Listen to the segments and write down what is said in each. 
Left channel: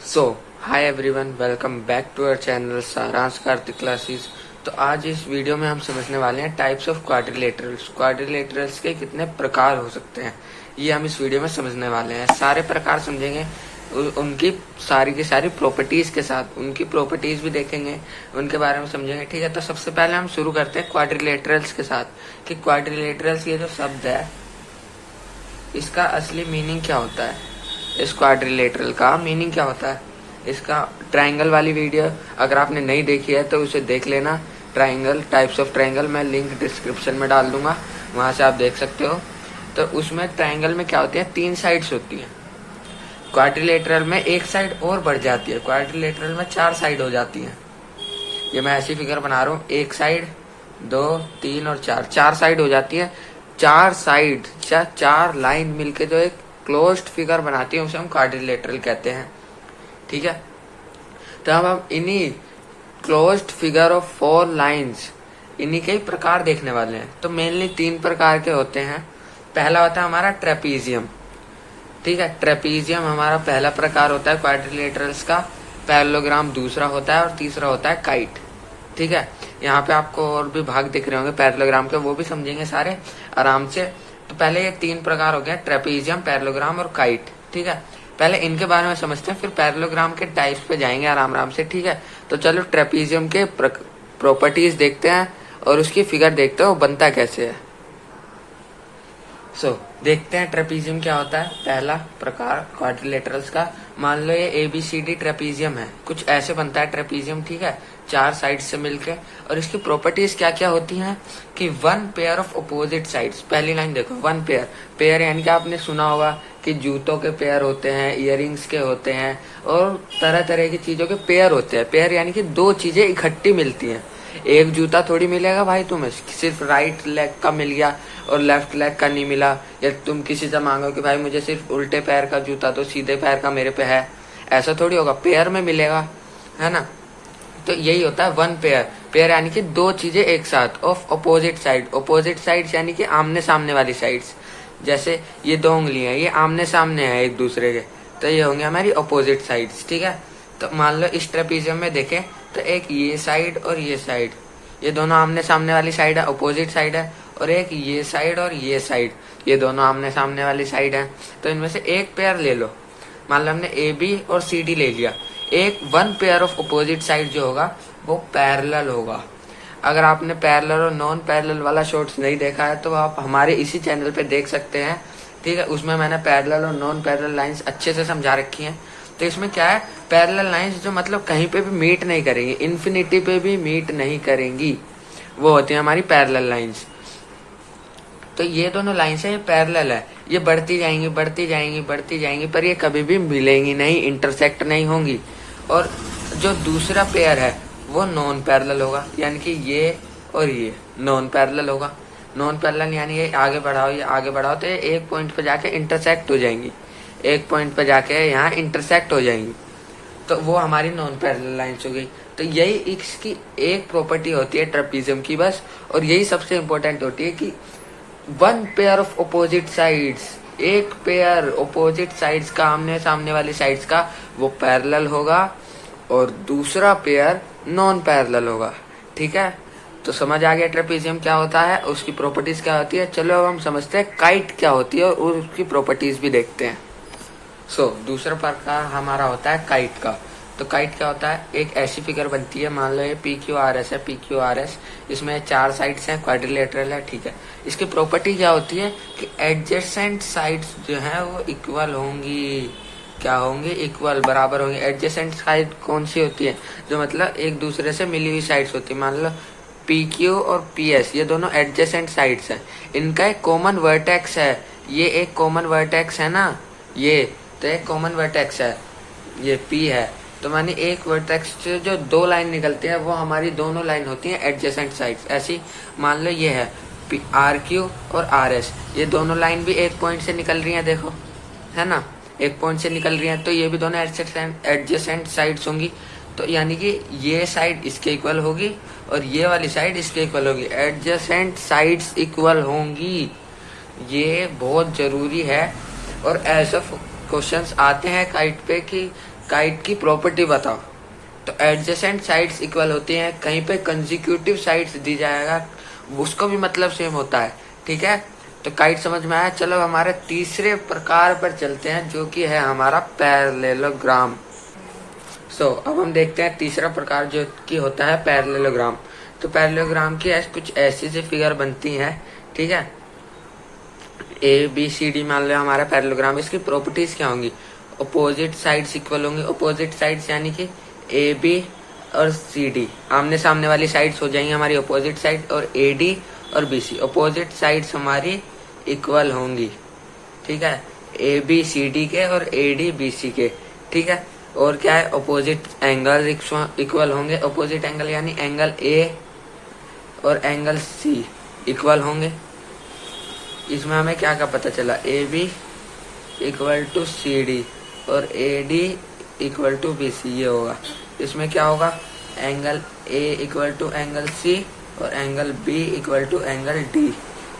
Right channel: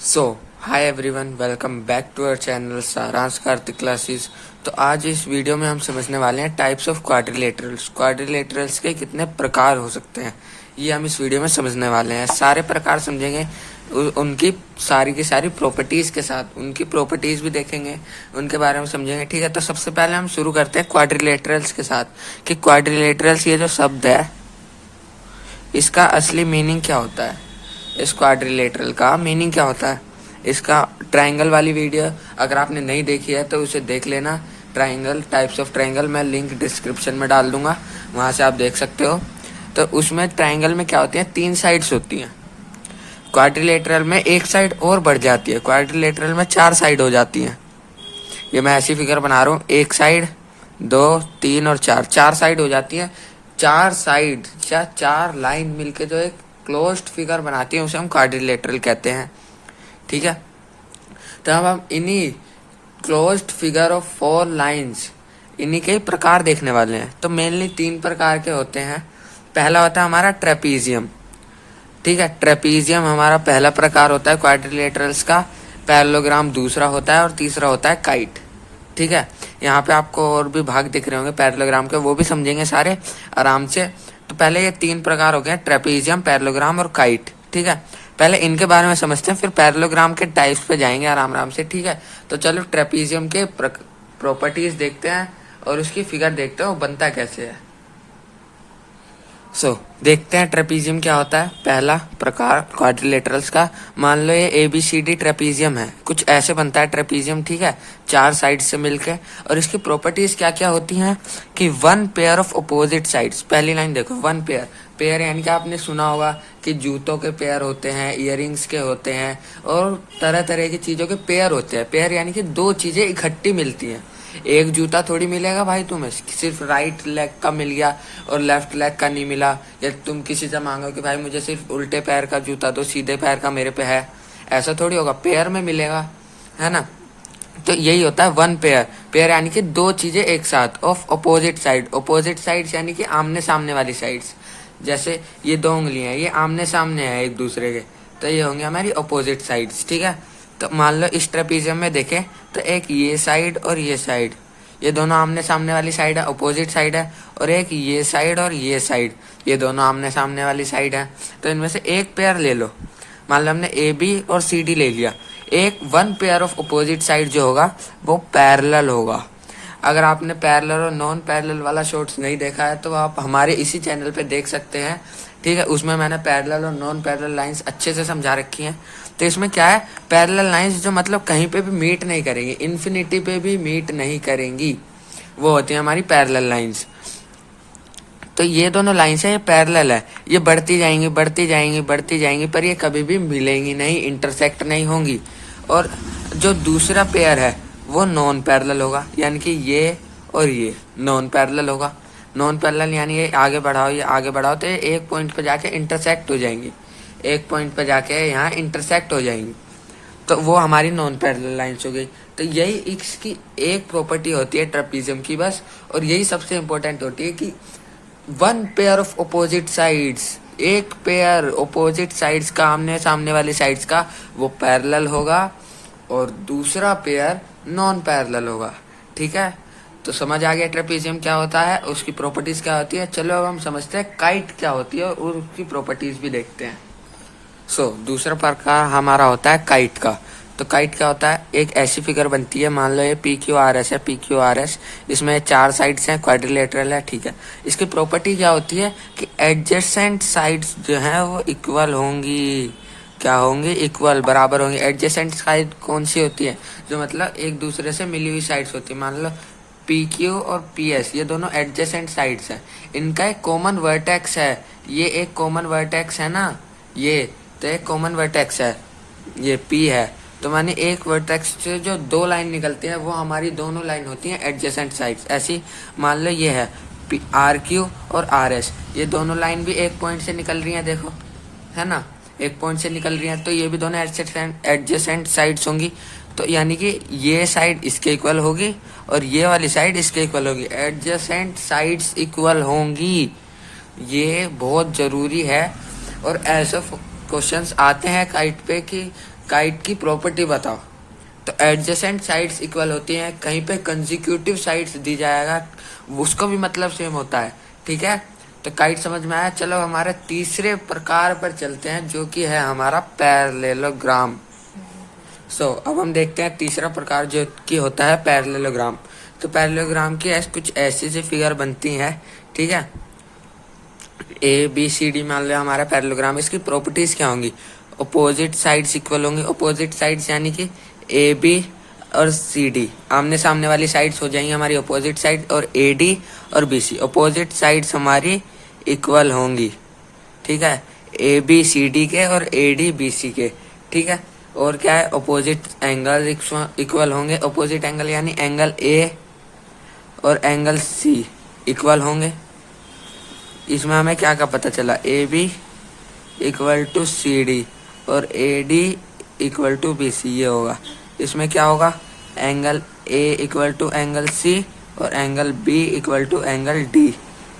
So hi everyone, welcome back to our channel Saransh Kartik classes. तो आज इस वीडियो में हम समझने वाले हैं टाइप्स ऑफ क्वाड्रिलेटरल्स। क्वाड्रिलेटरल्स के कितने प्रकार हो सकते हैं, ये हम इस वीडियो में समझने वाले हैं। सारे प्रकार समझेंगे, उनकी सारी की सारी प्रॉपर्टीज के साथ, उनकी प्रॉपर्टीज भी देखेंगे, उनके बारे में समझेंगे। ठीक है, तो सबसे पहले हम शुरू करते हैं क्वाड्रिलेटरल्स के साथ कि क्वाड्रिलेटरल्स ये जो शब्द है इसका असली मीनिंग क्या होता है। इस क्वाड्रिलेटरल का मीनिंग क्या होता है, इसका ट्रायंगल वाली वीडियो अगर आपने नहीं देखी है तो उसे देख लेना। ट्रायंगल, टाइप्स ऑफ ट्रायंगल, मैं लिंक डिस्क्रिप्शन में डाल दूंगा, वहां से आप देख सकते हो। तो उसमें ट्रायंगल में क्या होती है, 3 साइड्स होती हैं। क्वाड्रिलेटरल में एक साइड और बढ़ जाती है, क्वाड्रिलेटरल में 4 साइड हो जाती हैं। ये मैं ऐसी फिगर बना रहा हूँ, 1 साइड, 2, 3 और 4, 4 साइड हो जाती है। 4 साइड या 4 लाइन मिलके जो एक क्लोज्ड फिगर बनाती है उसे हम क्वाड्रिलेटरल कहते हैं। ठीक है, तो हम इन्हीं क्लोज्ड फिगर ऑफ 4 लाइंस, इन्हीं के प्रकार देखने वाले हैं। तो मेनली 3 प्रकार के होते हैं। पहला होता है हमारा ट्रेपीजियम। ठीक है, ट्रेपीजियम हमारा पहला प्रकार होता है क्वाड्रिलेटरल्स का। पैरेललोग्राम दूसरा होता है और तीसरा होता है काइट। ठीक है, यहाँ पे आपको और भी भाग दिख रहे होंगे पैरेललोग्राम के, वो भी समझेंगे सारे आराम से। तो पहले ये 3 प्रकार हो गए, ट्रेपीजियम, पैरेललोग्राम और काइट। ठीक है, पहले इनके बारे में समझते हैं, फिर पैरेललोग्राम के टाइप्स पे जाएंगे आराम आराम से। ठीक है, तो चलो ट्रेपीजियम के प्रॉपर्टीज देखते हैं और उसकी फिगर देखते हैं वो बनता कैसे है। देखते हैं ट्रेपीजियम क्या होता है। पहला प्रकार क्वाड्रिलेटरल्स का, मान लो ये ABCD ट्रेपीजियम है, कुछ ऐसे बनता है ट्रेपीजियम। ठीक है, 4 साइड से मिलके। और इसकी प्रॉपर्टीज क्या क्या होती हैं कि 1 पेयर ऑफ अपोजिट साइड्स। पहली लाइन देखो, 1 पेयर। पेयर यानी कि आपने सुना होगा कि जूतों के पेयर होते हैं, इयररिंग्स के होते हैं और तरह तरह की चीजों के पेयर होते हैं। पेयर यानी कि 2 चीजें इकट्ठी मिलती हैं। एक जूता थोड़ी मिलेगा भाई तुम्हें, सिर्फ राइट लेग का मिल गया और लेफ्ट लेग का नहीं मिला। या तुम किसी से मांगो कि भाई मुझे सिर्फ उल्टे पैर का जूता दो, सीधे पैर का मेरे पे है, ऐसा थोड़ी होगा, पेयर में मिलेगा, है ना। तो यही होता है 1 पेयर। पेयर यानी कि 2 चीजें एक साथ, of opposite side. Opposite sides यानी कि आमने सामने वाली साइड्स। जैसे ये 2 उंगलियां, ये आमने सामने है एक दूसरे के, तो ये होंगे हमारी अपोजिट साइड्स। ठीक है, तो मान लो इस ट्रेपीजियम में देखें तो एक ये साइड और ये साइड, ये दोनों आमने सामने वाली साइड है, अपोजिट साइड है। और एक ये साइड और ये साइड, ये दोनों आमने सामने वाली साइड है। तो इनमें से एक पेयर ले लो। मान लो हमने AB और CD ले लिया। एक 1 पेयर ऑफ अपोजिट साइड जो होगा वो पैरेलल होगा। अगर आपने पैरेलल और नॉन पैरेलल वाला शॉर्ट्स नहीं देखा है तो आप हमारे इसी चैनल पे देख सकते हैं। ठीक है, उसमें मैंने पैरेलल और नॉन पैरेलल लाइंस अच्छे से समझा रखी हैं। तो इसमें क्या है, पैरेलल लाइंस जो मतलब कहीं पे भी मीट नहीं करेंगी, इन्फिनिटी पे भी मीट नहीं करेंगी, वो होती है हमारी पैरेलल लाइंस। तो ये दोनों लाइंस है, ये पैरेलल है, ये बढ़ती जाएंगी बढ़ती जाएंगी बढ़ती जाएंगी, पर ये कभी भी मिलेंगी नहीं, इंटरसेक्ट नहीं होंगी। और जो दूसरा पेयर है वो नॉन पैरेलल होगा, यानी कि ये और ये नॉन पैरेलल होगा। नॉन पैरेलल यानी ये आगे बढ़ाओ, ये आगे बढ़ाओ, तो ये एक पॉइंट पे जाके इंटरसेक्ट हो जाएंगी, एक पॉइंट पे जाके यहाँ इंटरसेक्ट हो जाएंगी। तो वो हमारी नॉन पैरेलल लाइंस हो गई। तो यही इसकी एक प्रॉपर्टी होती है ट्रेपीजियम की बस, और यही सबसे इम्पोर्टेंट होती है कि 1 पेयर ऑफ अपोजिट साइड्स, एक पेयर अपोजिट साइड्स का, आमने सामने वाली साइड्स का, वो पैरेलल होगा और दूसरा पेयर नॉन पैरेलल होगा। ठीक है, तो समझ आ गया ट्रेपीजियम क्या होता है, उसकी प्रॉपर्टीज क्या होती है। चलो अब हम समझते हैं काइट क्या होती है और उसकी प्रॉपर्टीज भी देखते हैं। दूसरा प्रकार हमारा होता है काइट का। तो काइट क्या होता है, एक ऐसी फिगर बनती है, मान लो ये PQRS है, PQRS, इसमें 4 साइड्स हैं, क्वाड्रिलेटरल है। ठीक है, इसकी प्रॉपर्टी क्या होती है कि एडजेसेंट साइड्स जो हैं वो इक्वल होंगी। क्या होंगी, इक्वल, बराबर होंगी। एडजेसेंट साइड कौन सी होती है, जो मतलब एक दूसरे से मिली हुई साइड्स होती है। मान लो PQ और PS, ये दोनों एडजेसेंट साइड्स हैं, इनका एक कॉमन वर्टेक्स है, ये एक कॉमन वर्टेक्स है ना, ये तो एक कॉमन वर्टेक्स है, ये P है। तो मानी एक वर्टेक्स से जो 2 लाइन निकलती है वो हमारी दोनों लाइन होती हैं एडजेसेंट साइड्स। ऐसी मान लो ये है RQ और RS, ये दोनों लाइन भी एक पॉइंट से निकल रही हैं, देखो, है ना, एक पॉइंट से निकल रही हैं, तो ये भी दोनों एडजेसेंट साइड्स होंगी। तो यानी कि ये साइड इसके इक्वल होगी और ये वाली साइड इसके इक्वल होगी, एडजेसेंट साइड्स इक्वल होंगी। ये बहुत जरूरी है। और ऐसे क्वेश्चंस आते हैं काइट पे कि काइट की प्रॉपर्टी बताओ। तो एडजेसेंट साइड्स इक्वल होती हैं, कहीं पे कंजिक्यूटिव साइड्स दी जाएगा उसको भी मतलब सेम होता है, ठीक है। तो काइट समझ में आया। चलो हमारे तीसरे प्रकार पर चलते हैं जो कि है हमारा पैरेललोग्राम। अब हम देखते हैं तीसरा प्रकार जो कि होता है पैरेललोग्राम। तो पैरेललोग्राम की कुछ ऐसी सी फिगर बनती है, ठीक है। ए बी सी डी मान लो हमारा पैरेललोग्राम। इसकी प्रॉपर्टीज क्या होंगी? अपोजिट साइड्स इक्वल होंगी। अपोजिट साइड्स यानी कि ए बी और सी डी आमने सामने वाली साइड्स हो जाएंगी हमारी अपोजिट साइड, और ए डी और बी सी अपोजिट साइड्स हमारी इक्वल होंगी, ठीक है। ए बी सी डी के और ए डी बी सी के, ठीक है। और क्या है? अपोजिट एंगल इक्वल होंगे। अपोजिट एंगल यानी एंगल ए और एंगल सी इक्वल होंगे। इसमें हमें क्या क्या पता चला? A B equal to C D और A D equal to B C, ये होगा। इसमें क्या होगा? Angle A equal to angle C और angle B equal to angle D,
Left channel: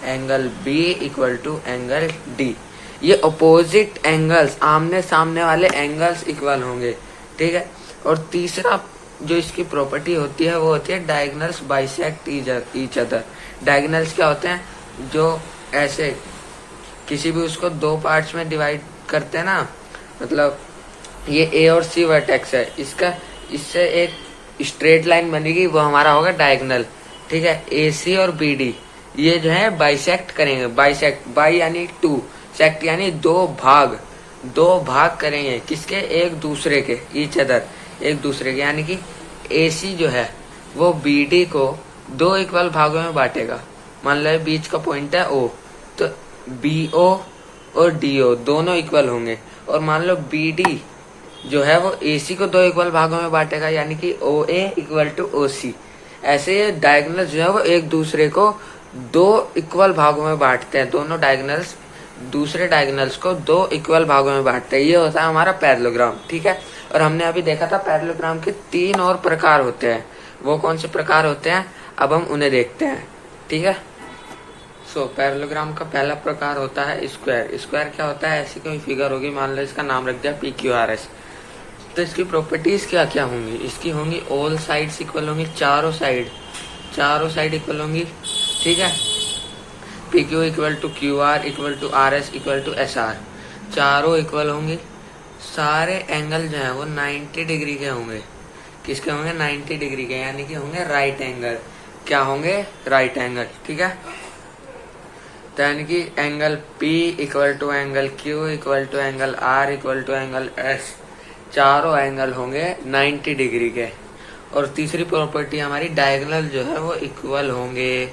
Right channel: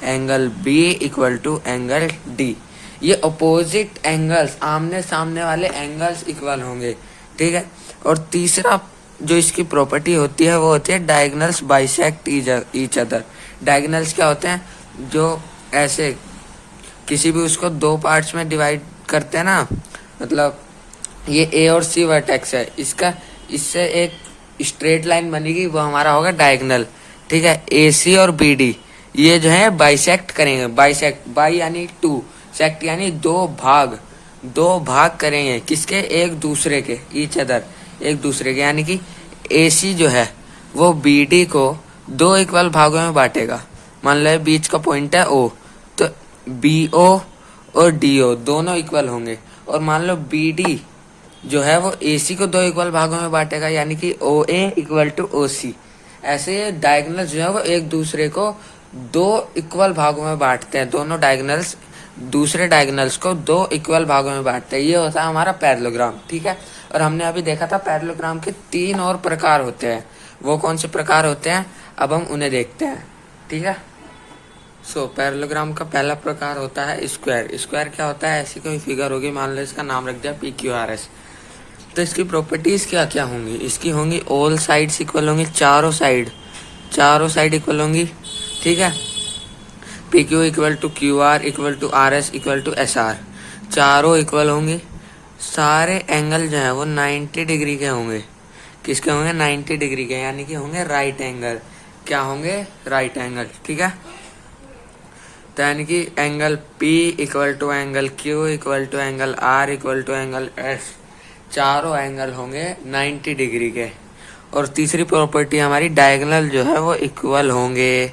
angle B equal to angle D. ये अपोजिट एंगल्स, आमने सामने वाले एंगल्स इक्वल होंगे, ठीक है। और तीसरा जो इसकी प्रॉपर्टी होती है वो होती है diagonals bisect each other. Diagonals क्या होते हैं? जो ऐसे किसी भी उसको दो पार्ट्स में डिवाइड करते हैं ना, मतलब ये ए और सी वर्टेक्स है, इससे एक स्ट्रेट लाइन बनेगी, वो हमारा होगा डायगोनल, ठीक है। ए सी और बी डी ये जो है बाइसेक्ट करेंगे। बाइसेक्ट, बाई यानी टू, सेक्ट यानी दो भाग करेंगे। किसके? एक दूसरे के, ईच अदर, एक दूसरे के। यानी कि ए सी जो है वो बी डी को दो इक्वल भागों में बांटेगा। मान लो बीच का पॉइंट है ओ, तो बी ओ और डी ओ दोनों इक्वल होंगे। और मान लो बी डी जो है वो ए सी को दो इक्वल भागों में बांटेगा, यानी कि ओ ए इक्वल टू ओ सी। ऐसे डायगोनल जो है वो एक दूसरे को दो इक्वल भागों में बांटते हैं। दोनों डायगोनल्स दूसरे डायगोनल्स को दो इक्वल भागों में बांटते हैं। ये होता है हमारा पैरेललोग्राम, ठीक है। और हमने अभी देखा था पैरेललोग्राम के 3 और प्रकार होते हैं। वो कौन से प्रकार होते हैं अब हम उन्हें देखते हैं, ठीक है। पैरेललोग्राम का पहला प्रकार होता है स्क्वायर। स्क्वायर क्या होता है? ऐसी कोई फिगर होगी, मान लो इसका नाम रख दिया पी क्यू आर एस। तो इसकी प्रॉपर्टीज क्या क्या होंगी? इसकी होंगी ऑल साइड्स इक्वल होंगी, चारों साइड इक्वल होंगी, ठीक है। P Q equal to Q R equal to R S equal to S R, चारों इक्वल होंगी। सारे एंगल जो है वो 90 डिग्री के होंगे। किसके होंगे? 90 डिग्री के, यानी कि होंगे राइट एंगल। क्या होंगे? राइट एंगल, ठीक है। तो यानी कि angle P equal to angle Q equal to angle R equal to angle S, चारों एंगल होंगे 90 डिग्री के। और तीसरी प्रॉपर्टी हमारी डायगोनल जो है वो इक्वल होंगे।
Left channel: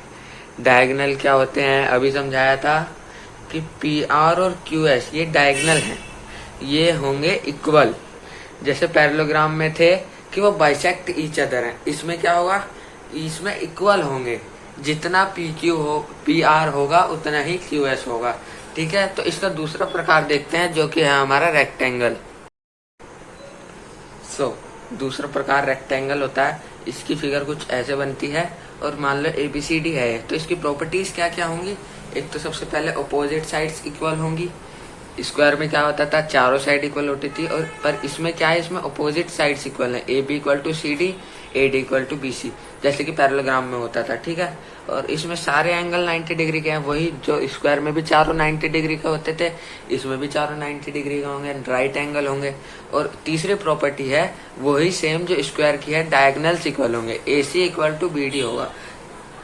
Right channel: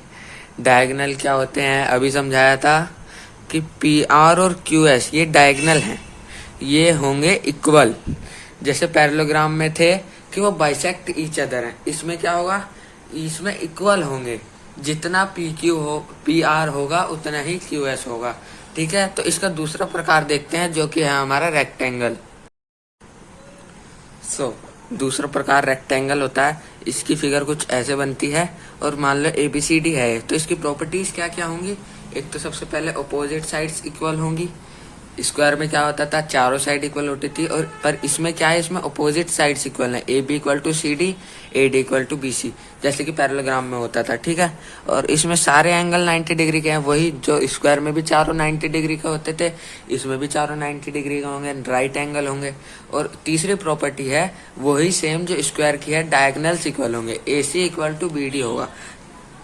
डायगोनल क्या होते हैं? अभी समझाया था कि PR और QS ये डायगोनल हैं, ये होंगे इक्वल। जैसे पैरेललोग्राम में थे कि वो बाइसेक्ट ईच अदर है, इसमें क्या होगा? इसमें इक्वल होंगे। जितना PR होगा उतना ही QS होगा, ठीक है। तो इसका दूसरा प्रकार देखते हैं जो कि है हमारा रेक्टेंगल। दूसरा प्रकार रेक्टेंगल होता है। इसकी फिगर कुछ ऐसे बनती है और मान लो ABCD है। तो इसकी प्रॉपर्टीज क्या क्या होंगी? एक तो सबसे पहले अपोजिट साइड्स इक्वल होंगी। स्क्वायर में क्या होता था? चारों साइड इक्वल होती थी। और पर इसमें क्या है? इसमें अपोजिट साइड्स इक्वल है। AB equal to CD, AD equal to BC, जैसे कि पैरेललोग्राम में होता था, ठीक है। और इसमें सारे एंगल 90 डिग्री के हैं, वही जो स्क्वायर में भी चारों 90 डिग्री के होते थे, इसमें भी चारों 90 डिग्री के होंगे, राइट एंगल होंगे। और तीसरी प्रॉपर्टी है वही सेम जो स्क्वायर की है, डायगोनल्स इक्वल होंगे। AC इक्वल टू BD होगा,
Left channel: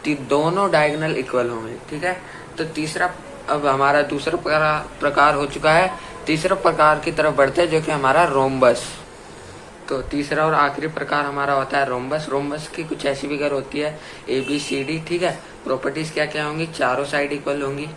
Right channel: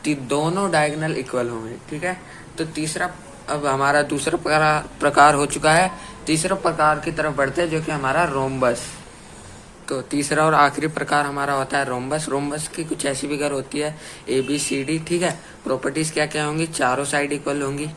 दोनों डायगोनल इक्वल होंगे, ठीक है। तो तीसरा, अब हमारा दूसरा प्रकार हो चुका है। तीसरा प्रकार की तरफ बढ़ते हैं जो कि हमारा रोम्बस। तो तीसरा और आखिरी प्रकार हमारा होता है रोम्बस। रोम्बस की कुछ ऐसी फिगर होती है ABCD, ठीक है। प्रॉपर्टीज क्या क्या होंगी? चारों साइड इक्वल होंगी।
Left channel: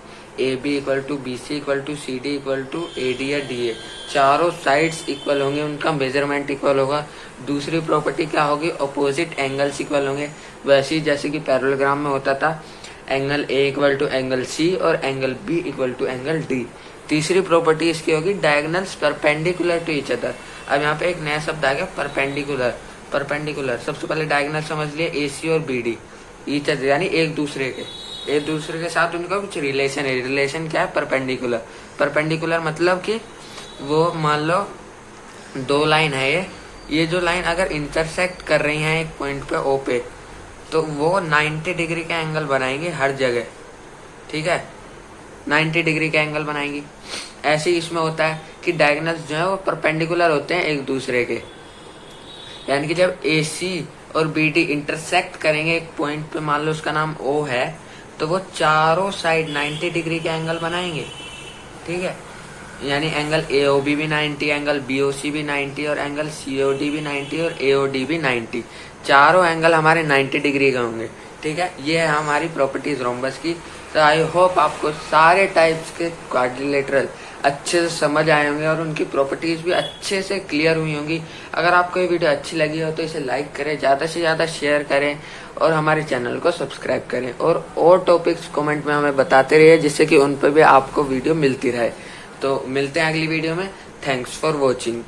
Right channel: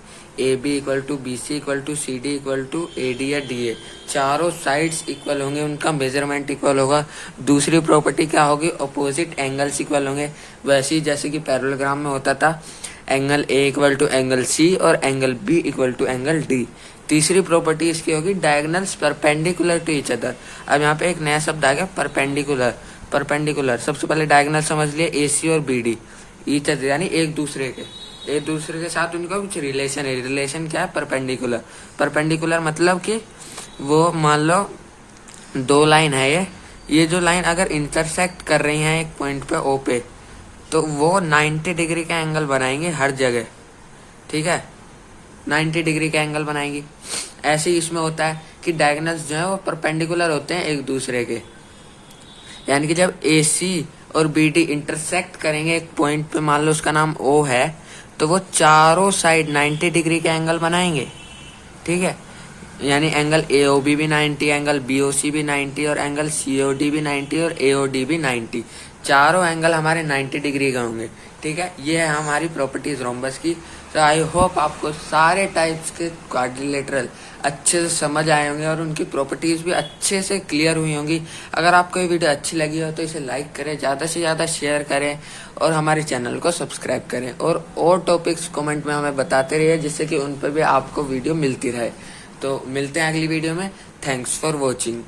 AB equal to BC equal to CD equal to AD या DA, चारों साइड्स इक्वल होंगे, उनका मेजरमेंट इक्वल होगा। दूसरी प्रॉपर्टी क्या होगी? अपोजिट एंगल्स इक्वल होंगे। वैसे ही जैसे कि पैरेललोग्राम में होता था, angle A equal to angle C और angle B equal to angle D। तीसरी प्रॉपर्टी इसकी होगी diagonals perpendicular to each other. अब यहाँ पे एक नया शब्द आ गया, परपेंडिकुलर। सबसे पहले डायगोनल समझ लिए AC और BD, ईच अदर यानी एक दूसरे के साथ उनका कुछ रिलेशन है। रिलेशन क्या है? परपेंडिकुलर मतलब कि वो मान लो दो लाइन है ये जो लाइन अगर इंटरसेक्ट कर रही है एक पॉइंट पे ओ पे, तो वो 90 डिग्री का एंगल बनाएंगे हर जगह, ठीक है, 90 डिग्री का एंगल बनाएंगी। ऐसे ही इसमें होता है कि डायगोनल्स जो है वो परपेंडिकुलर होते हैं एक दूसरे के, यानी कि जब AC और BD इंटरसेक्ट करेंगे एक पॉइंट पे, मान लो उसका नाम O है, तो वो चारों साइड 90 डिग्री का एंगल बनाएंगे, ठीक है। यानी एंगल AOB भी 90, एंगल BOC भी 90 और एंगल COD भी 90 और AOD भी 90, चारों एंगल हमारे 90 डिग्री के होंगे, ठीक है। ये है हमारी प्रॉपर्टीज रोम्बस की। तो आई होप आपको सारे टाइप्स के क्वाड्रिलेटरल अच्छे से समझ आए होंगे और उनकी प्रॉपर्टीज भी अच्छे से क्लियर हुई होंगी। अगर आपको ये वीडियो अच्छी लगी हो तो इसे लाइक करें, ज़्यादा से ज़्यादा शेयर करें और हमारे चैनल को सब्सक्राइब करें, और टॉपिक्स कमेंट में हमें बताते रहिए जिससे कि उन पर भी आपको वीडियो मिलती रहे। तो मिलते हैं अगली वीडियो में। Thanks for watching.